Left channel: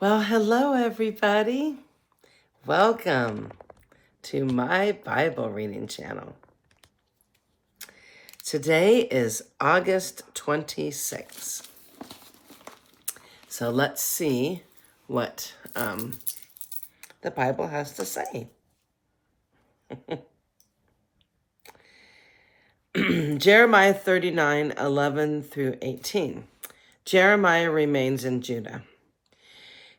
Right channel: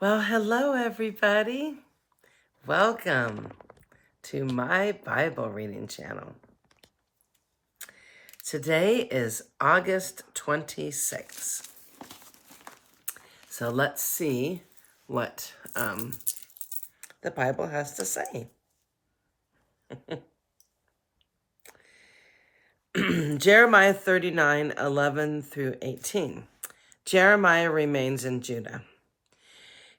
Well, hello, everybody. Welcome to my Bible reading channel. Today is August 26th. So let's see what the Bible has to say. Jeremiah 39:11 through 18. Jeremiah remains in Judah.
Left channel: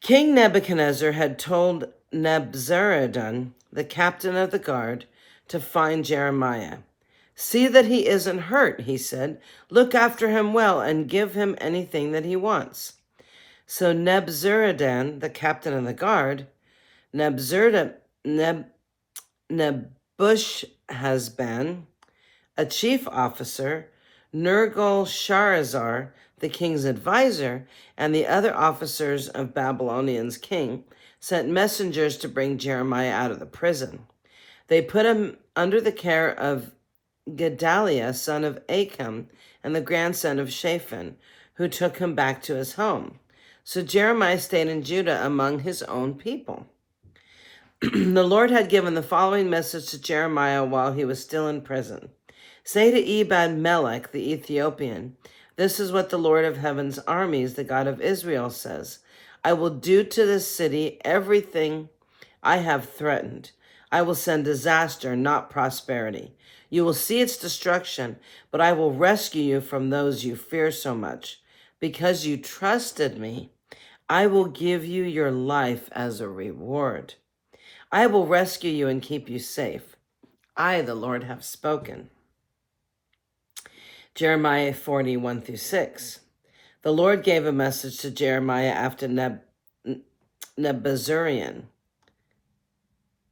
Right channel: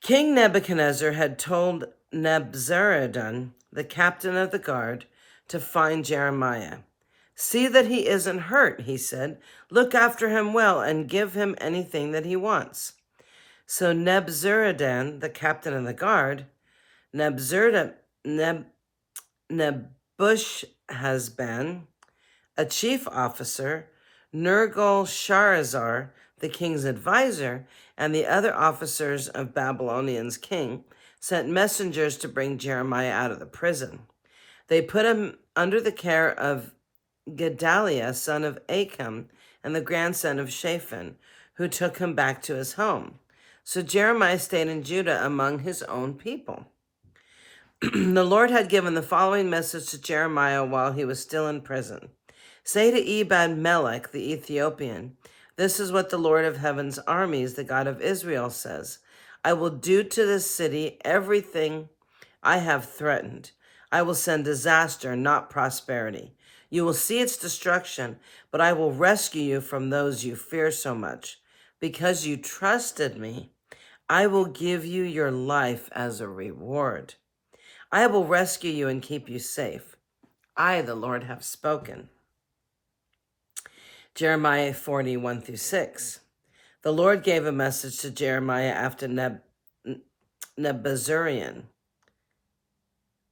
King Nebuchadnezzar had told Nebuzaradan, the captain of the guard, to find Jeremiah. "See that he isn't hurt," he said. "Look after him well and give him anything that he wants." So Nebuzaradan, the captain of the guard, Nebuchadnezzar, a chief officer, Nergal-Sharezer, the king's advisor, and the other officers of Babylonian's king, sent messengers to bring Jeremiah out of the prison. They put him under the care of Gedaliah, son of Achim, and the grandson of Shaphan, who took him back to his home. So Jeremiah stayed in Judah among his own people. The Lord had given the following message to Jeremiah while he was still in prison. "Say to Ebed-melech, the Ethiopian, this is what the Lord of heaven's armies, the God of Israel, says. I will do to this city everything I have threatened. I will send disaster, not prosperity. You will see its destruction, but I will rescue you from those you fear so much. Because you trusted me, I will give you your life as a reward. I will rescue you and keep you safe. I, the Lord, have spoken." Jeremiah 40:1 through 6. The Lord gave a message to Jeremiah after Nebuzaradan,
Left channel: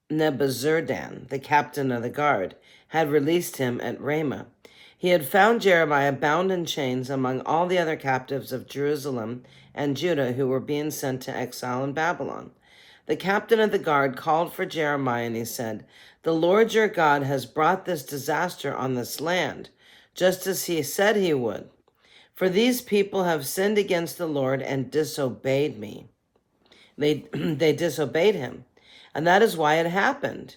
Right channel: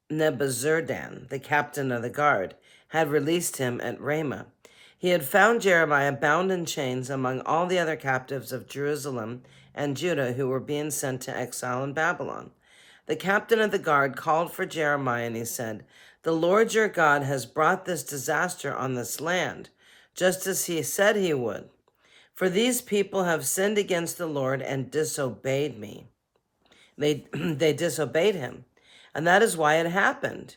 the captain of the guard, had released him at Ramah. He had found Jeremiah bound in chains among all the other captives of Jerusalem and Judah who were being sent to exile in Babylon. The captain of the guard called for Jeremiah and he said, "The Lord your God has brought this disaster on this land, just as he said he would. For these people have sinned against the Lord and disobeyed me." They disobeyed him, and that is why it happened.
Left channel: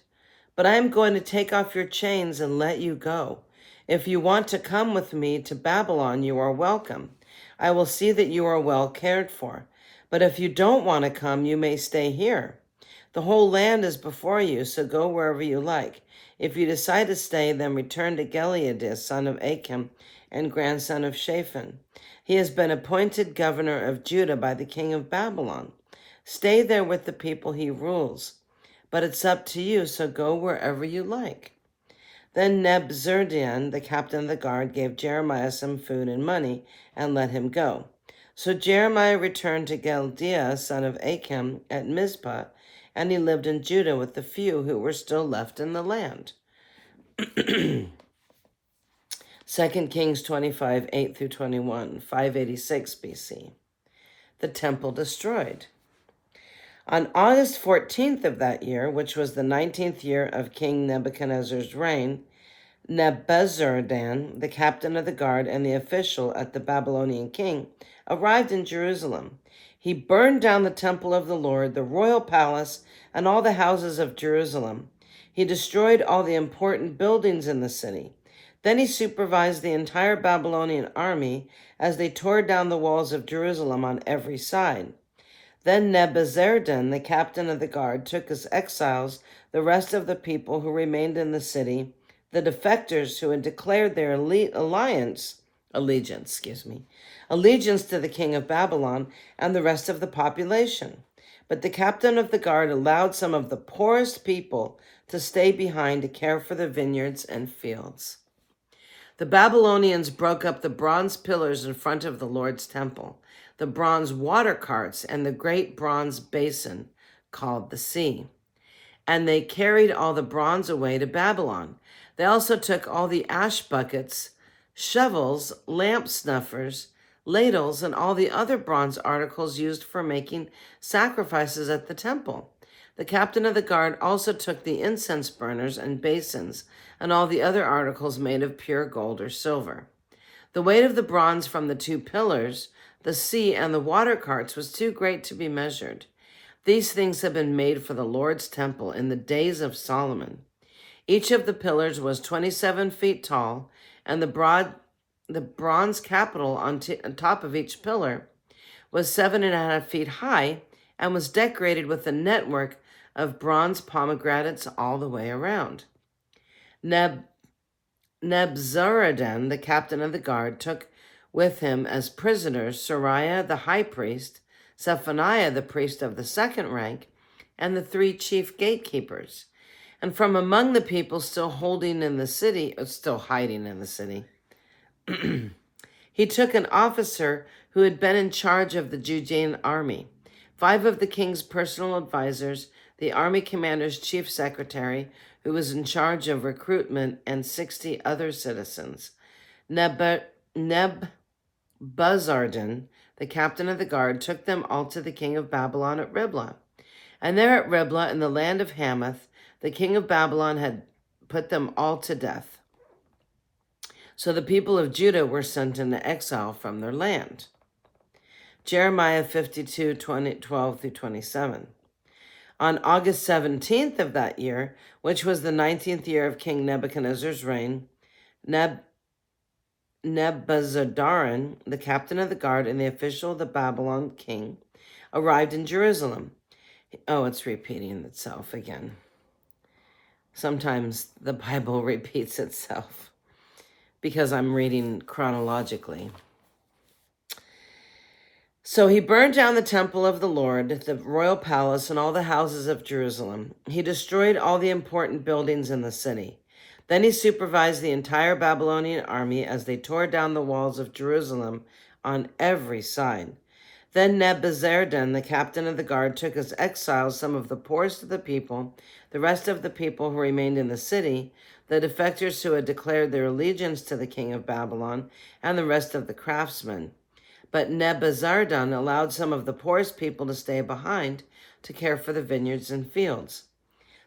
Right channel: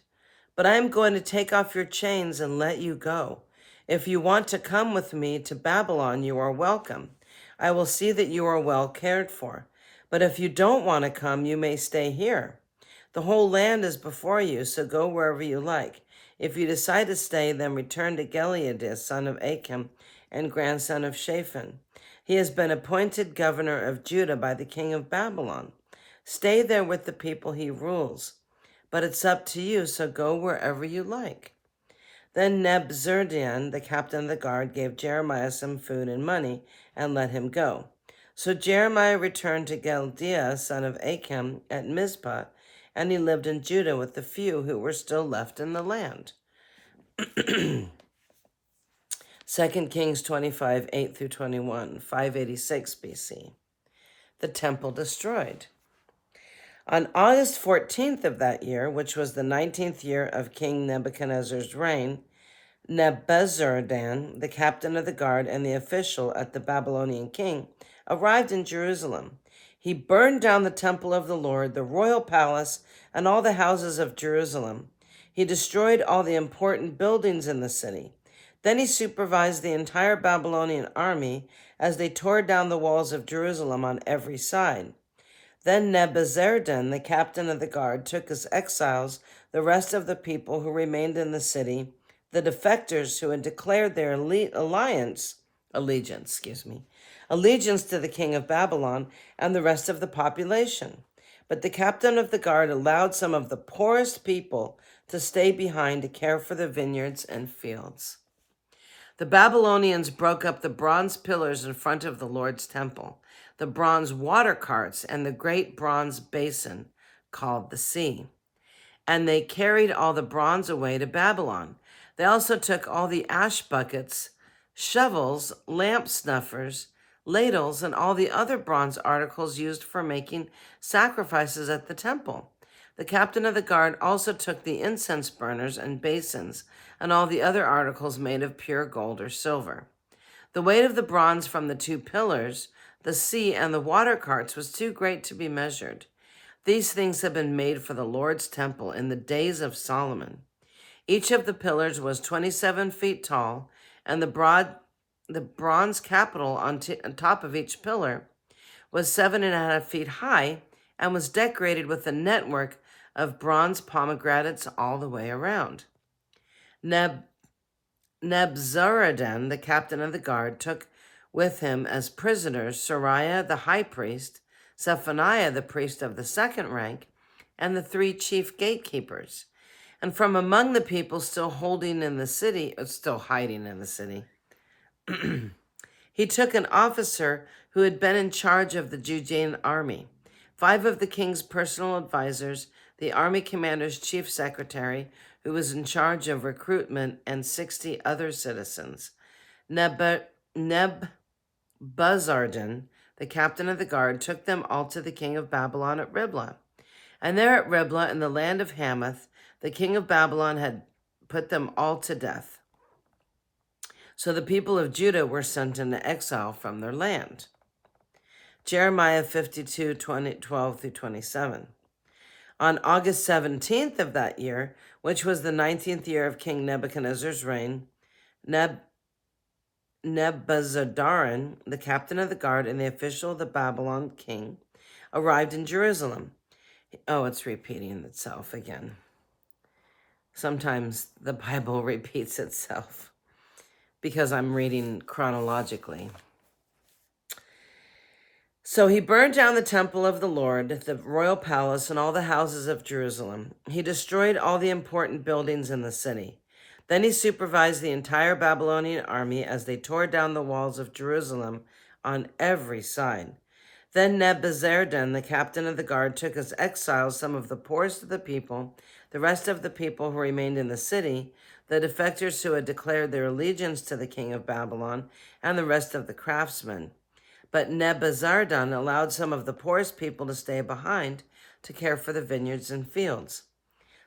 "But I am going to take off your chains and let you go. If you want to come with me to Babylon, you are welcome. I will see that you are well cared for. But if you don't want to come, you may stay here. The whole land is before you, so go wherever you like. If you decide to stay, then return to Gilead, son of Achim and grandson of Shaphan. He has been appointed governor of Judah by the king of Babylon. Stay there with the people he rules. But it's up to you, so go wherever you like." Then Nebuzaradan, the captain of the guard, gave Jeremiah some food and money and let him go. So Jeremiah returned to Gedaliah, son of Achim, at Mizpah, and he lived in Judah with the few who were still left in the land. 2 Kings 25:8 through 21, 586 BC. The temple destroyed. On August 14th of that year, which was the 19th year of King Nebuchadnezzar's reign, Nebuzaradan, the captain of the guard and the official at the Babylonian king, arrived in Jerusalem. He burned down the temple of the Lord, the royal palace, and all the houses of Jerusalem. He destroyed all the important buildings in the city. Then he supervised the entire Babylonian army as they tore down the walls of Jerusalem on every side. Then Nebuzaradan, the captain of the guard, took as exiles the rest of the people who remained in the city, the defectors who had declared their allegiance to the king of Babylon, and the rest of the population. But the captain of the guard allowed some of the poorest people to stay behind to care for the vineyards and fields. The Babylonians broke up the bronze pillars in front of the Lord's temple, the bronze water carts, and the great bronze basin called the sea. And they carried all the bronze away to Babylon. They also took all the ash buckets, shovels, lamp snuffers, ladles, and all the other bronze articles used for making sacrifices at the temple. The captain of the guard also took the incense burners and basins and all the other articles made of pure gold or silver. The weight of the bronze from the two pillars, The sea and the water carts was too great to be measured. These things have been made for the Lord's temple in the days of Solomon. Each of the pillars was 27 feet tall, and the bronze capital on top of each pillar was 7.5 feet high and was decorated with a network of bronze pomegranates all the way around. Nebuzaradan, the captain of the guard, took with him as prisoners Sariah the high priest, Zephaniah the priest of the second rank, and the 3 chief gatekeepers. And from among the people still hiding in the city, he took an officer who had been in charge of the Judean army, 5 of the king's personal advisors, the army commander's chief secretary, who was in charge of recruitment, and 60 other citizens. Nebuzaradan, the captain of the guard, took them all to the king of Babylon at Riblah. And there at Riblah, in the land of Hamath, the king of Babylon had put them all to death. So the people of Judah were sent into exile from their land. Jeremiah 52, 12 through 27. On August 17th of that year, which was the 19th year of King Nebuchadnezzar's reign, Nebuzaradan, the captain of the guard and the official of the Babylon king, arrived in Jerusalem. Oh, it's repeating itself again. Sometimes the Bible repeats itself because I'm reading chronologically. So he burned down the temple of the Lord, the royal palace, and all the houses of Jerusalem. He destroyed all the important buildings in the city. Then he supervised the entire Babylonian army as they tore down the walls of Jerusalem on every side. Then Nebuzaradan, the captain of the guard, took as exiles some of the poorest of the people, the rest of the people who remained in the city, the defectors who had declared their allegiance to the king of Babylon, and the rest of the craftsmen. But Nebuzaradan allowed some of the poorest people to stay behind to care for the vineyards and fields.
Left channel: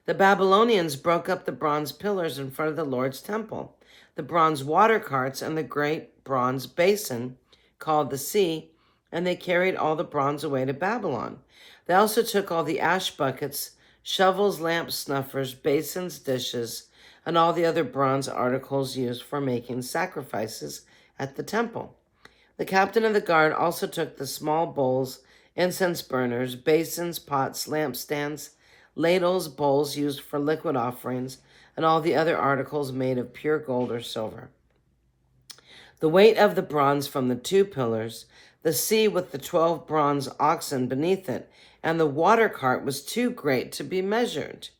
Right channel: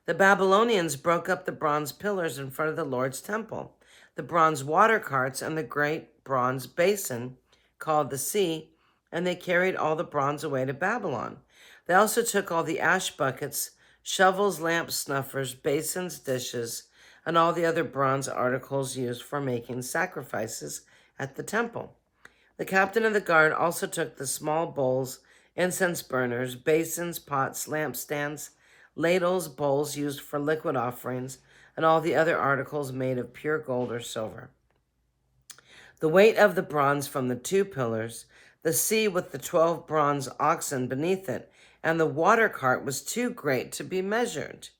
The Babylonians broke up the bronze pillars in front of the Lord's temple, the bronze water carts, and the great bronze basin called the sea, and they carried all the bronze away to Babylon. They also took all the ash buckets, shovels, lamps, snuffers, basins, dishes, and all the other bronze articles used for making sacrifices at the temple. The captain of the guard also took the small bowls, incense burners, basins, pots, lampstands, ladles, bowls used for liquid offerings, and all the other articles made of pure gold or silver. The weight of the bronze from the 2 pillars, the sea with the 12 bronze oxen beneath it, and the water cart was too great to be measured.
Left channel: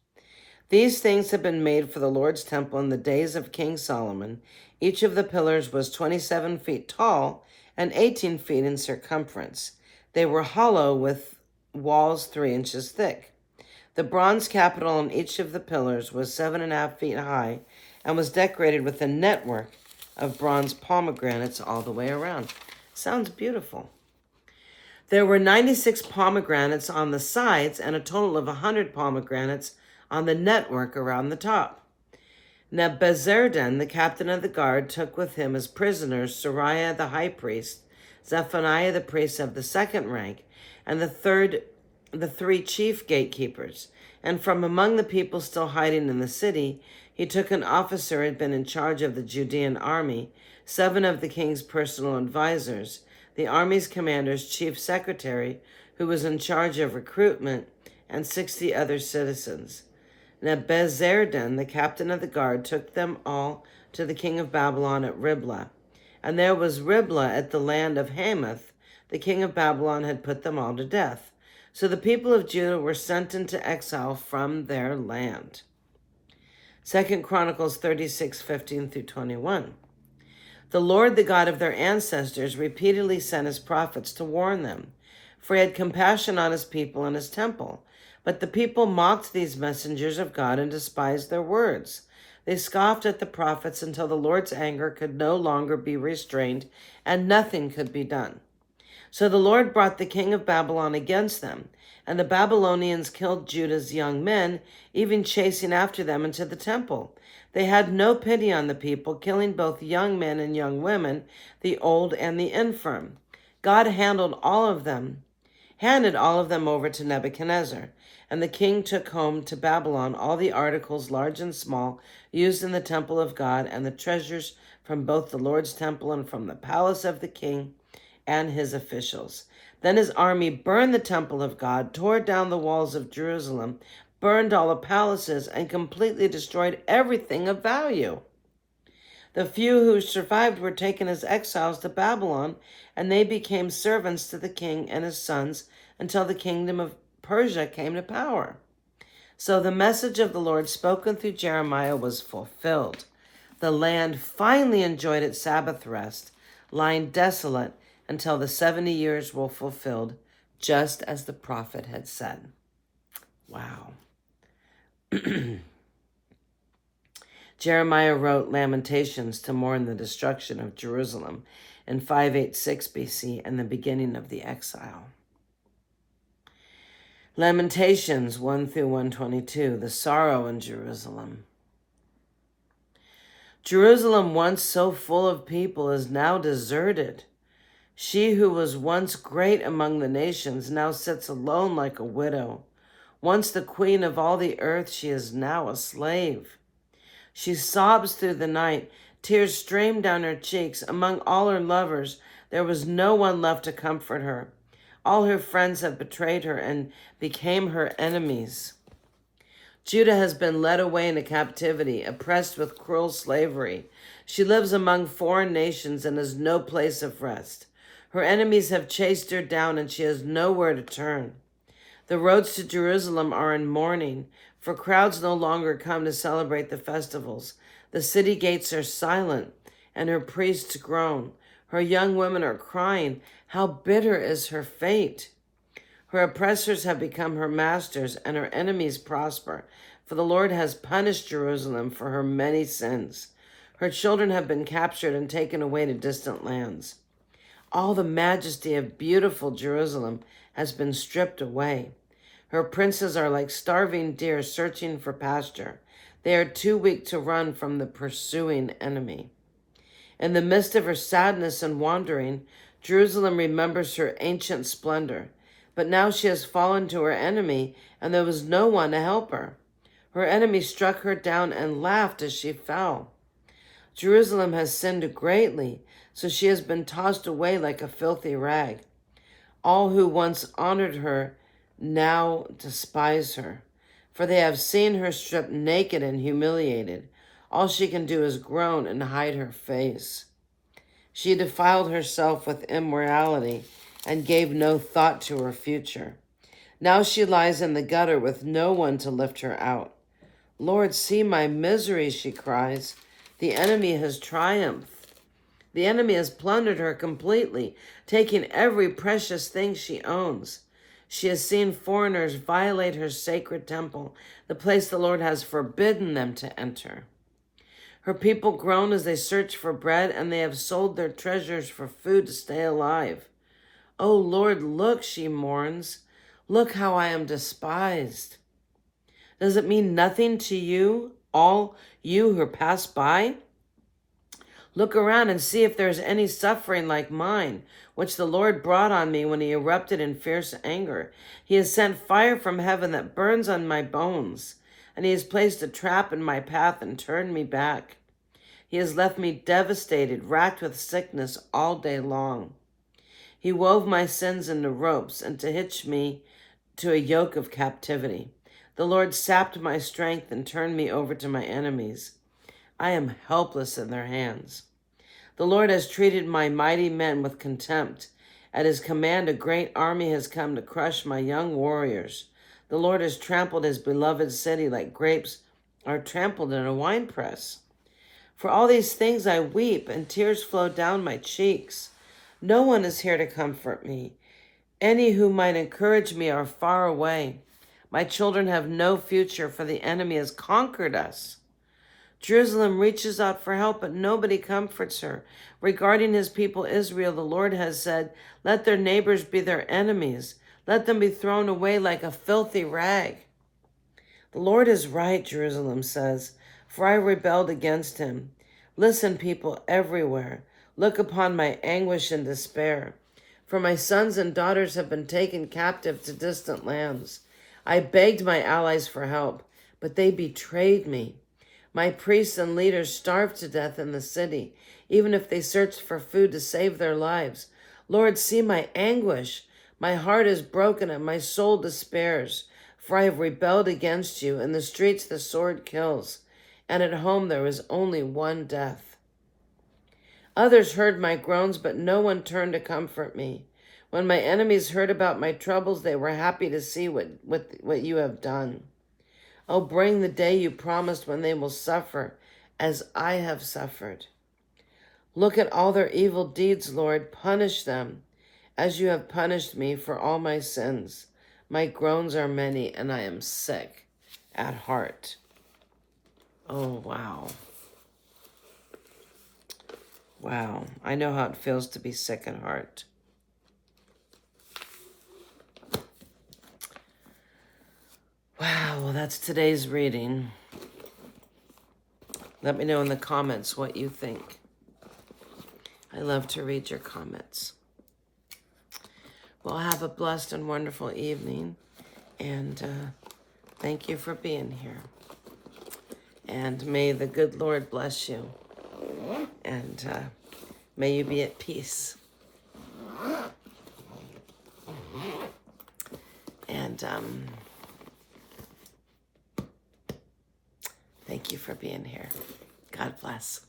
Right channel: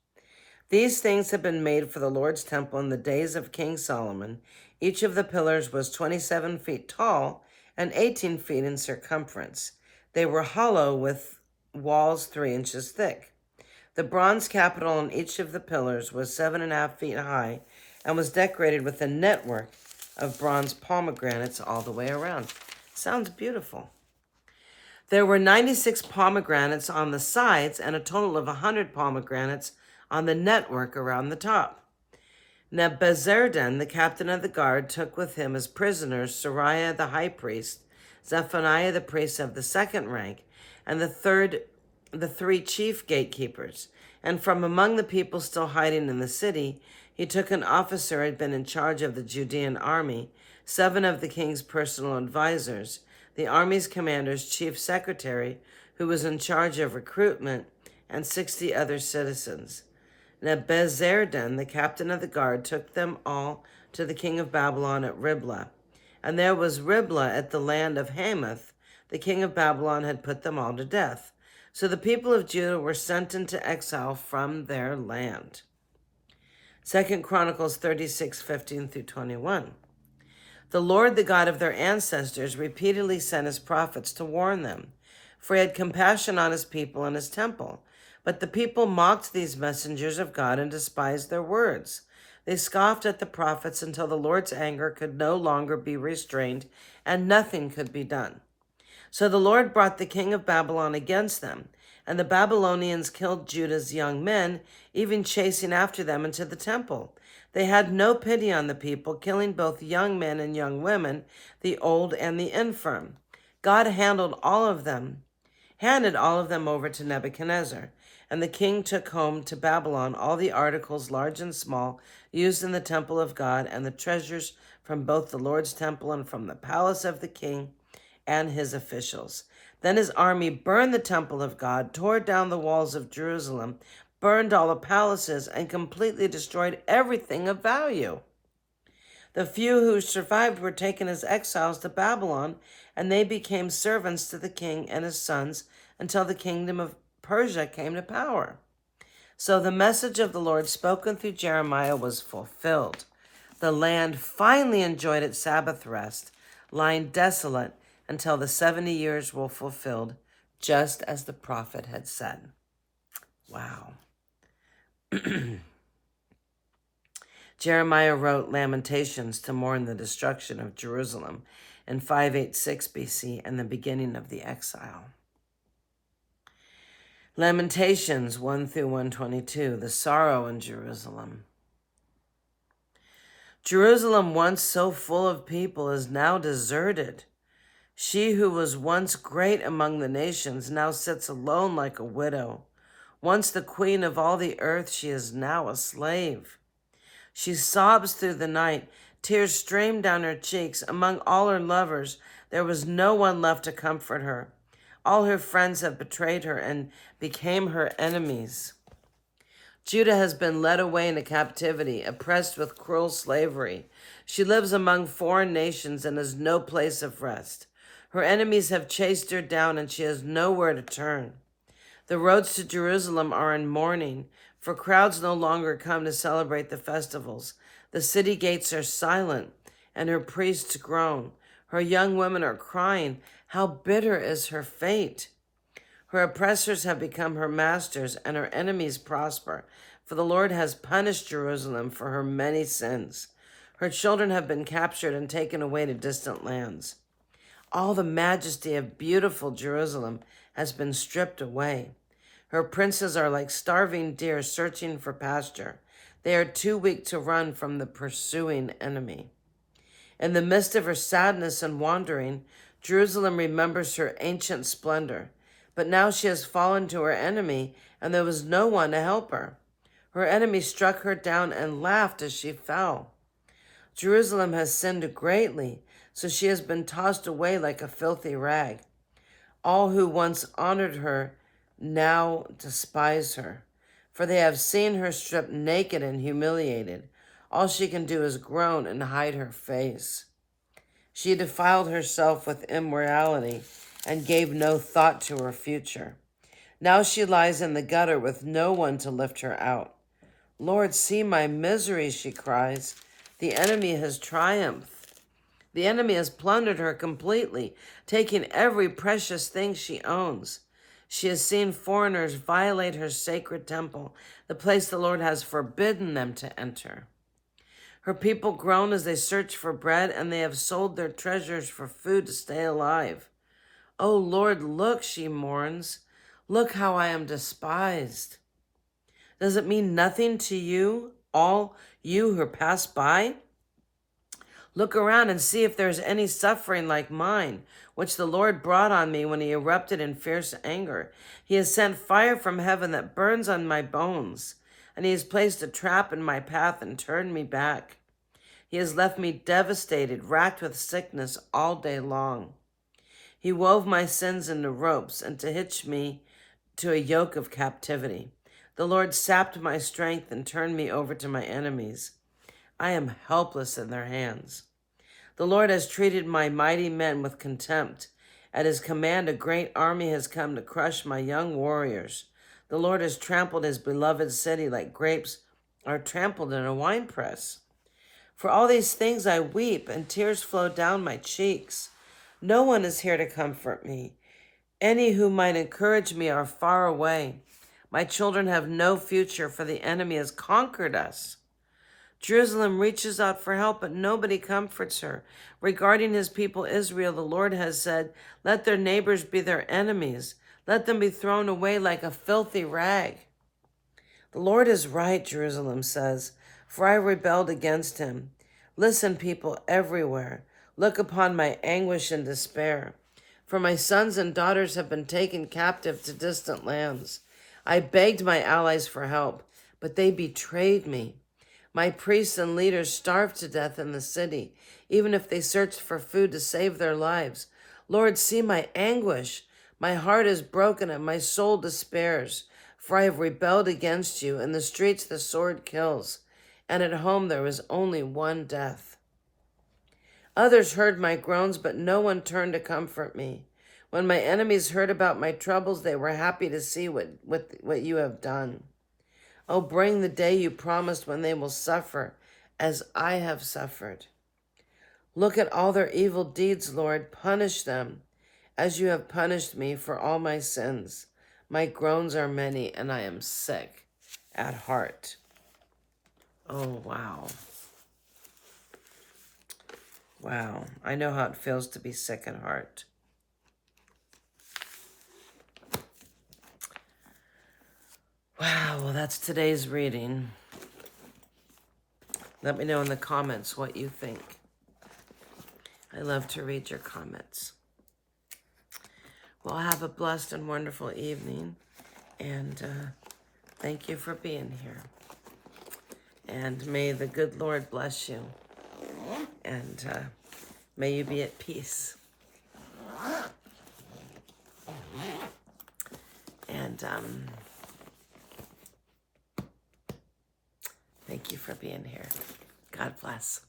These things had been made for the Lord's temple in the days of King Solomon. Each of the pillars was 27 feet tall and 18 feet in circumference. They were hollow with walls 3 inches thick. The bronze capital on each of the pillars was 7.5 feet high and was decorated with a network of bronze pomegranates all the way around. Sounds beautiful. There were 96 pomegranates on the sides and a total of 100 pomegranates on the network around the top. Nebuzaradan, the captain of the guard, took with him as prisoners Sariah the high priest, Zephaniah the priest of the second rank, and the 3 chief gatekeepers. And from among the people still hiding in the city, he took an officer who had been in charge of the Judean army, 7 of the king's personal advisors, the army's commander's chief secretary, who was in charge of recruitment, and 60 other citizens. Nebuzaradan, the captain of the guard, took them all to the king of Babylon at Riblah. And there was Riblah at the land of Hamath. The king of Babylon had put them all to death. So the people of Judah were sent into exile from their land. 2 Chronicles 36, 15 through 21. The Lord, the God of their ancestors, repeatedly sent his prophets to warn them, for he had compassion on his people and his temple. But the people mocked these messengers of God and despised their words. They scoffed at the prophets until the Lord's anger could no longer be restrained and nothing could be done. So the Lord brought the king of Babylon against them, and the Babylonians killed Judah's young men, even chasing after them into the temple. They had no pity on the people, killing both young men and young women, the old and the infirm. God handed all of them over to Nebuchadnezzar, and the king took home to Babylon all the articles, large and small, used in the temple of God, and the treasures from both the Lord's temple and from the palace of the king and his officials. Then his army burned the temple of God, tore down the walls of Jerusalem, burned all the palaces, and completely destroyed everything of value. The few who survived were taken as exiles to Babylon, and they became servants to the king and his sons until the kingdom of Persia came to power. So the message of the Lord spoken through Jeremiah was fulfilled. The land finally enjoyed its Sabbath rest, lying desolate until the 70 years were fulfilled, just as the prophet had said. Wow. Jeremiah wrote Lamentations to mourn the destruction of Jerusalem in 586 BC and the beginning of the exile. Lamentations 1 through 122, the sorrow in Jerusalem. Jerusalem, once so full of people, is now deserted. She who was once great among the nations now sits alone like a widow. Once the queen of all the earth, she is now a slave. She sobs through the night. Tears stream down her cheeks. Among all her lovers, there was no one left to comfort her. All her friends have betrayed her and became her enemies. Judah has been led away into captivity, oppressed with cruel slavery. She lives among foreign nations and has no place of rest. Her enemies have chased her down, and she has nowhere to turn. The roads to Jerusalem are in mourning, for crowds no longer come to celebrate the festivals. The city gates are silent, and her priests groan. Her young women are crying, "How bitter is her fate!" Her oppressors have become her masters, and her enemies prosper, for the Lord has punished Jerusalem for her many sins. Her children have been captured and taken away to distant lands. All the majesty of beautiful Jerusalem has been stripped away. Her princes are like starving deer searching for pasture. They are too weak to run from the pursuing enemy. In the midst of her sadness and wandering, Jerusalem remembers her ancient splendor. But now she has fallen to her enemy, and there was no one to help her. Her enemy struck her down and laughed as she fell. Jerusalem has sinned greatly, so she has been tossed away like a filthy rag. All who once honored her now despise her, for they have seen her stripped naked and humiliated. All she can do is groan and hide her face. She defiled herself with immorality and gave no thought to her future. Now she lies in the gutter with no one to lift her out. "Lord, see my misery," she cries. The enemy has triumphed. The enemy has plundered her completely, taking every precious thing she owns. She has seen foreigners violate her sacred temple, the place the Lord has forbidden them to enter. Her people groan as they search for bread, and they have sold their treasures for food to stay alive. "Oh Lord, look," she mourns. "Look how I am despised." Does it mean nothing to you, all you who pass by? Look around and see if there is any suffering like mine, which the Lord brought on me when he erupted in fierce anger. He has sent fire from heaven that burns on my bones, and he has placed a trap in my path and turned me back. He has left me devastated, racked with sickness all day long. He wove my sins into ropes and to hitch me to a yoke of captivity. The Lord sapped my strength and turned me over to my enemies. I am helpless in their hands. The Lord has treated my mighty men with contempt. At his command, a great army has come to crush my young warriors. The Lord has trampled his beloved city like grapes are trampled in a winepress. For all these things I weep, and tears flow down my cheeks. No one is here to comfort me. Any who might encourage me are far away. My children have no future, for the enemy has conquered us. Jerusalem reaches out for help, but nobody comforts her. Regarding his people Israel, the Lord has said, "Let their neighbors be their enemies. Let them be thrown away like a filthy rag." The Lord is right, Jerusalem says, for I rebelled against him. Listen, people everywhere. Look upon my anguish and despair. for my sons and daughters have been taken captive to distant lands. I begged my allies for help, but they betrayed me. My priests and leaders starved to death in the city, even if they searched for food to save their lives. Lord, see my anguish. My heart is broken and my soul despairs, for I have rebelled against you. In the streets the sword kills, and at home there is only one death. Others heard my groans, but no one turned to comfort me. When my enemies heard about my troubles, they were happy to see what you have done. Oh, bring the day you promised when they will suffer as I have suffered. Look at all their evil deeds, Lord. Punish them as you have punished me for all my sins. My groans are many, and I am sick at heart. Oh, wow. Wow. I know how it feels to be sick at heart. Wow, well, that's today's reading. Let me know in the comments what you think. I love to read your comments. Well, have a blessed and wonderful evening, and thank you for being here. And may the good Lord bless you, and may you be at peace. And thank you for being here. God bless.